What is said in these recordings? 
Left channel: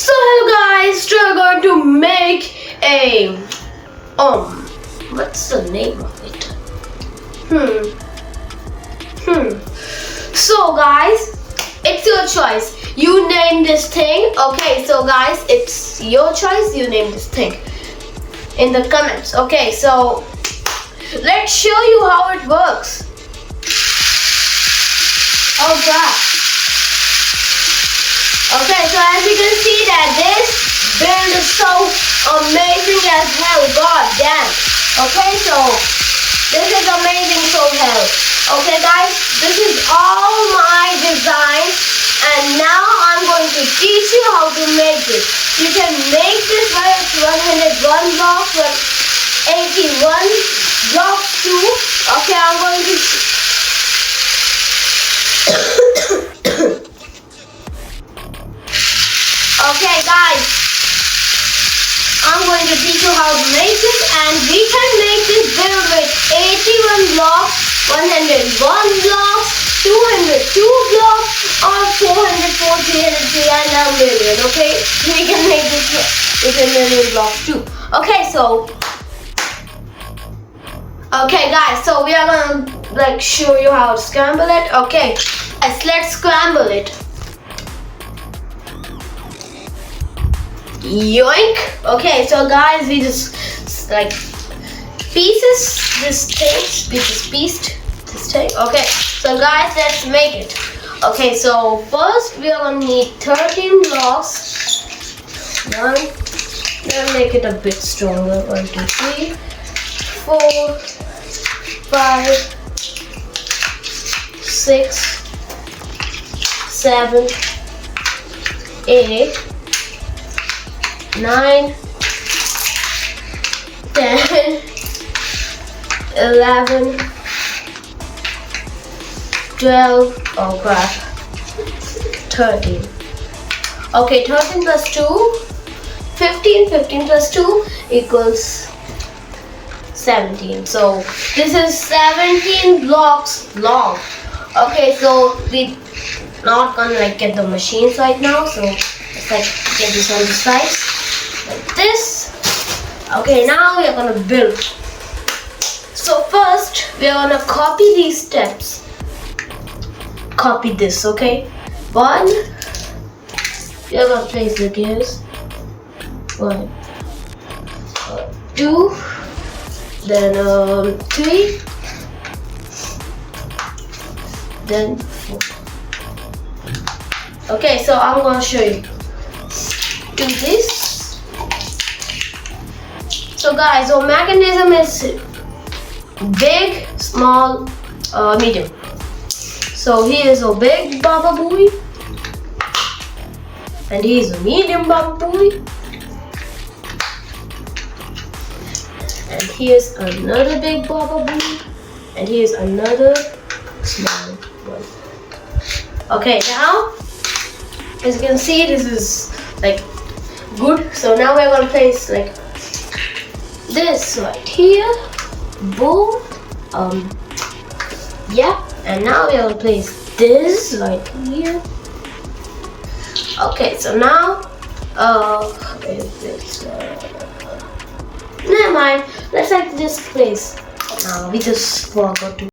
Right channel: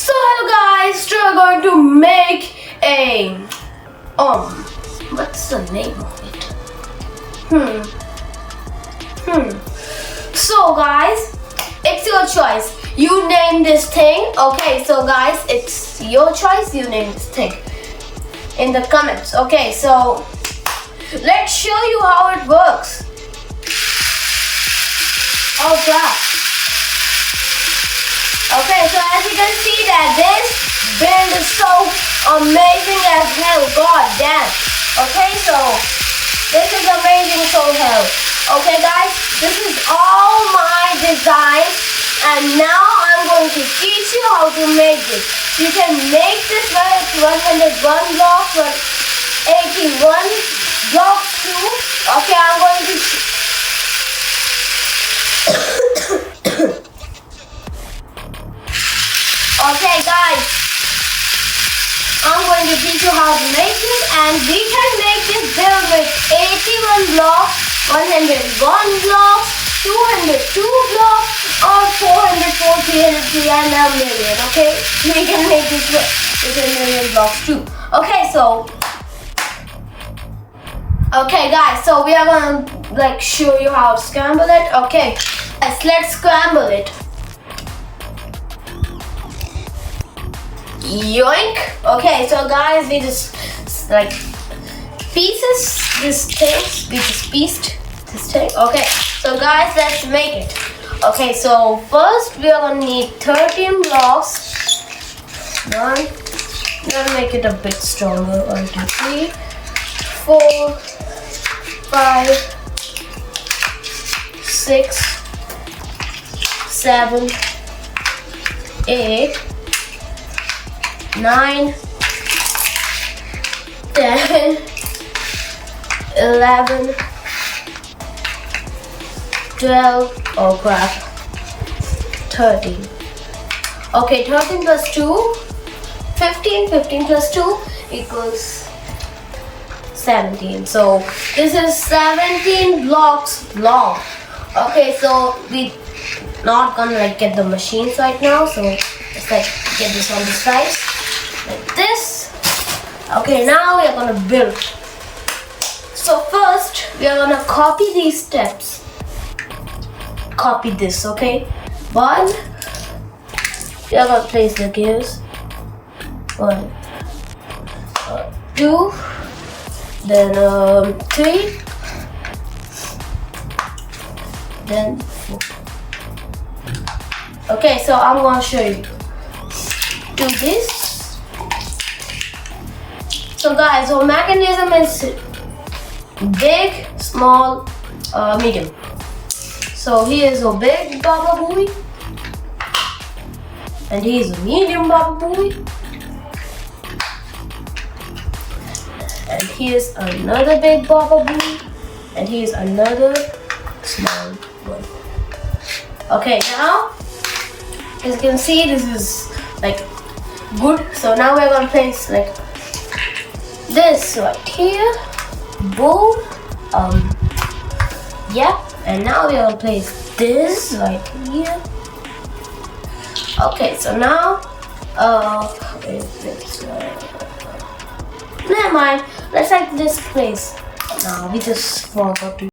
So hello guys, today we're going to make a what's the name of it? So guys, it's your choice. You name this thing. Okay, so guys, it's your choice. You name this thing in the comments. Okay, so let's show you how it works. Oh god. Okay, so as you can see that this build is so amazing as hell. God damn. Okay, so this is amazing so hell. Okay guys, this is all my design and now I'm going to teach you how to make this. You can make this with 101 blocks, 81 blocks too. Okay, I'm going to Okay guys, I'm going to teach you how to make this, and we can make this build with 81 blocks, 101 blocks, 202 blocks, or 404, 303 and a million. Okay, we can make this with a million blocks too. Okay, so guys, so we are gonna show you how to scramble it. Okay, let's scramble it. Yoink. Okay, so guys, we just pieced this thing. Okay, so guys, let's make it. Okay, so first we are gonna need 13 blocks. Let's make it a bit stronger. 1 2 3 4 5 6 7 8 9 10 11 12 oh crap 13. Okay, 13 plus 2 15 plus 2 equals 17. So this is 17 blocks long. Okay, so we not gonna get the machines right now, so let's get this on the side like this. Okay, now we are gonna build. So first we are gonna copy these steps. Copy this, okay? 1, we are gonna place the gears. 1 2, then 3, then 4. Okay, so I'm gonna show you. Do this. So guys, our mechanism is big, small, medium. So he is a big Baba Booey, and he is a medium Baba Booey, and he is another big Baba Booey, and he is another small one. Okay, now as you can see, this is good. So now we're gonna place this right here. Boom. Yeah. And now we're gonna place this right here. Okay. So now, never mind. Let's this place. We just forgot to.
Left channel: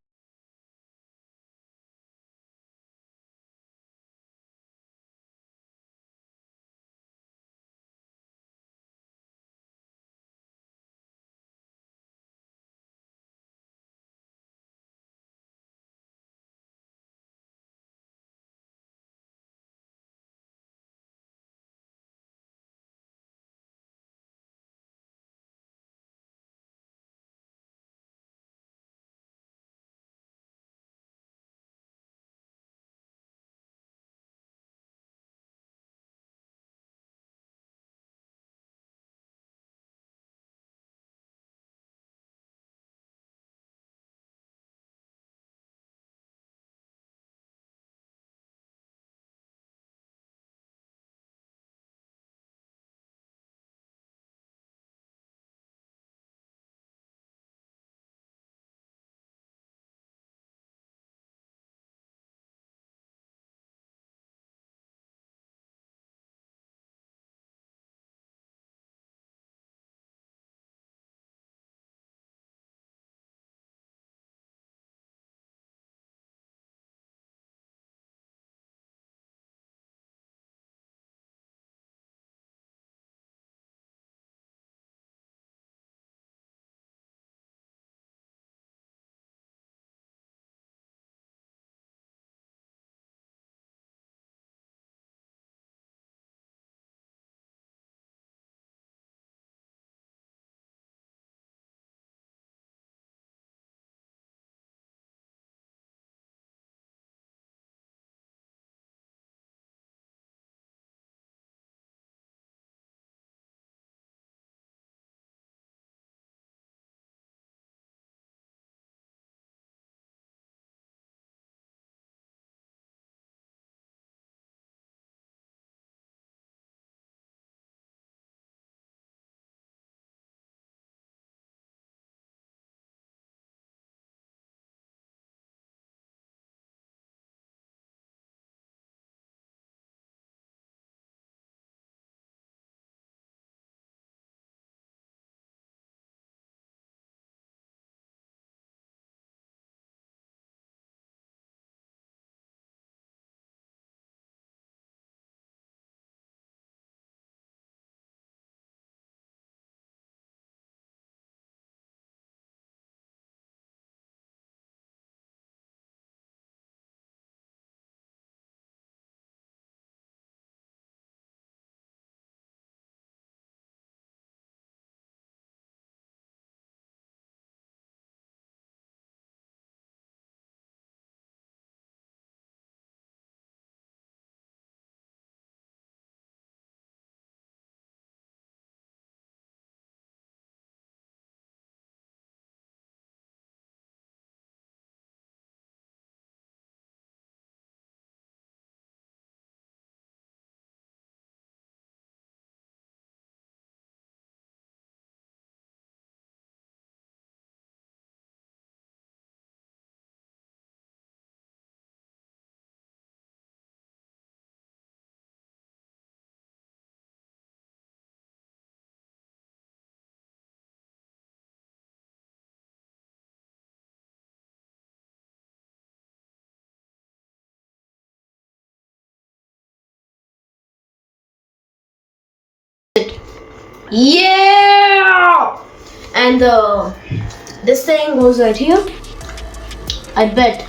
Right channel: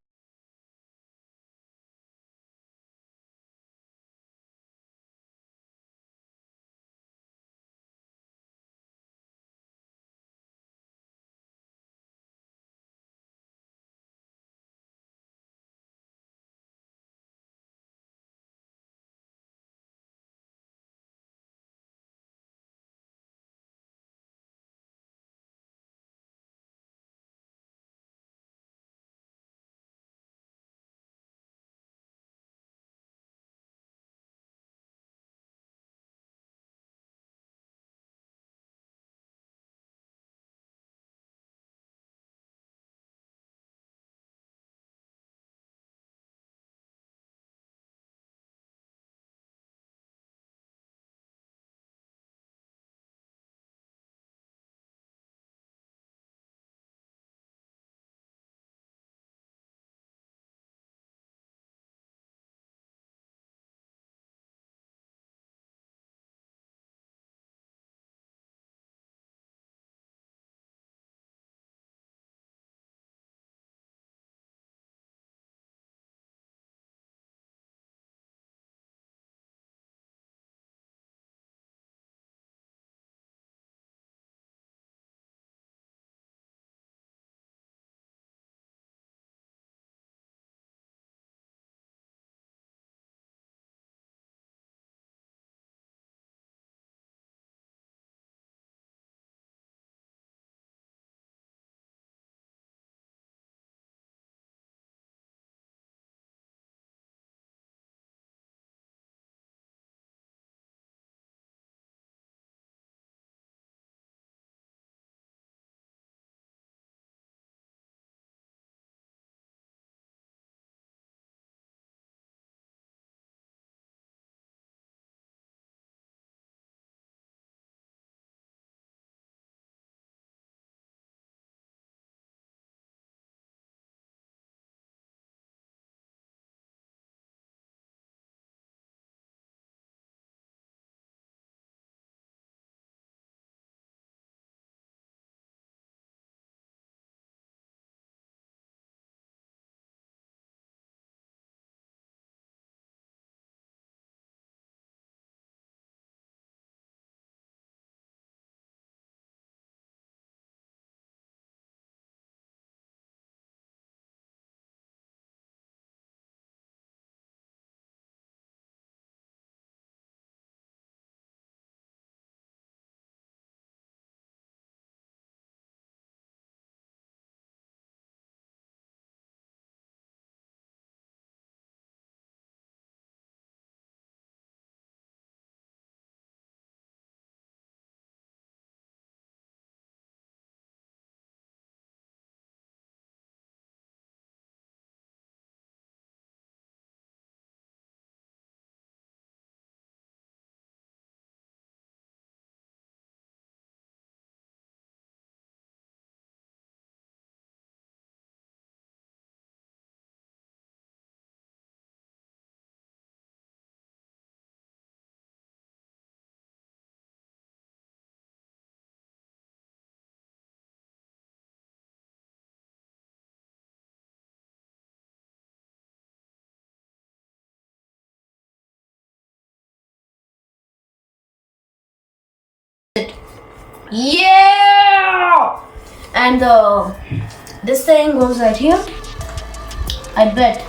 Yeah! And this thing goes right here. I bet.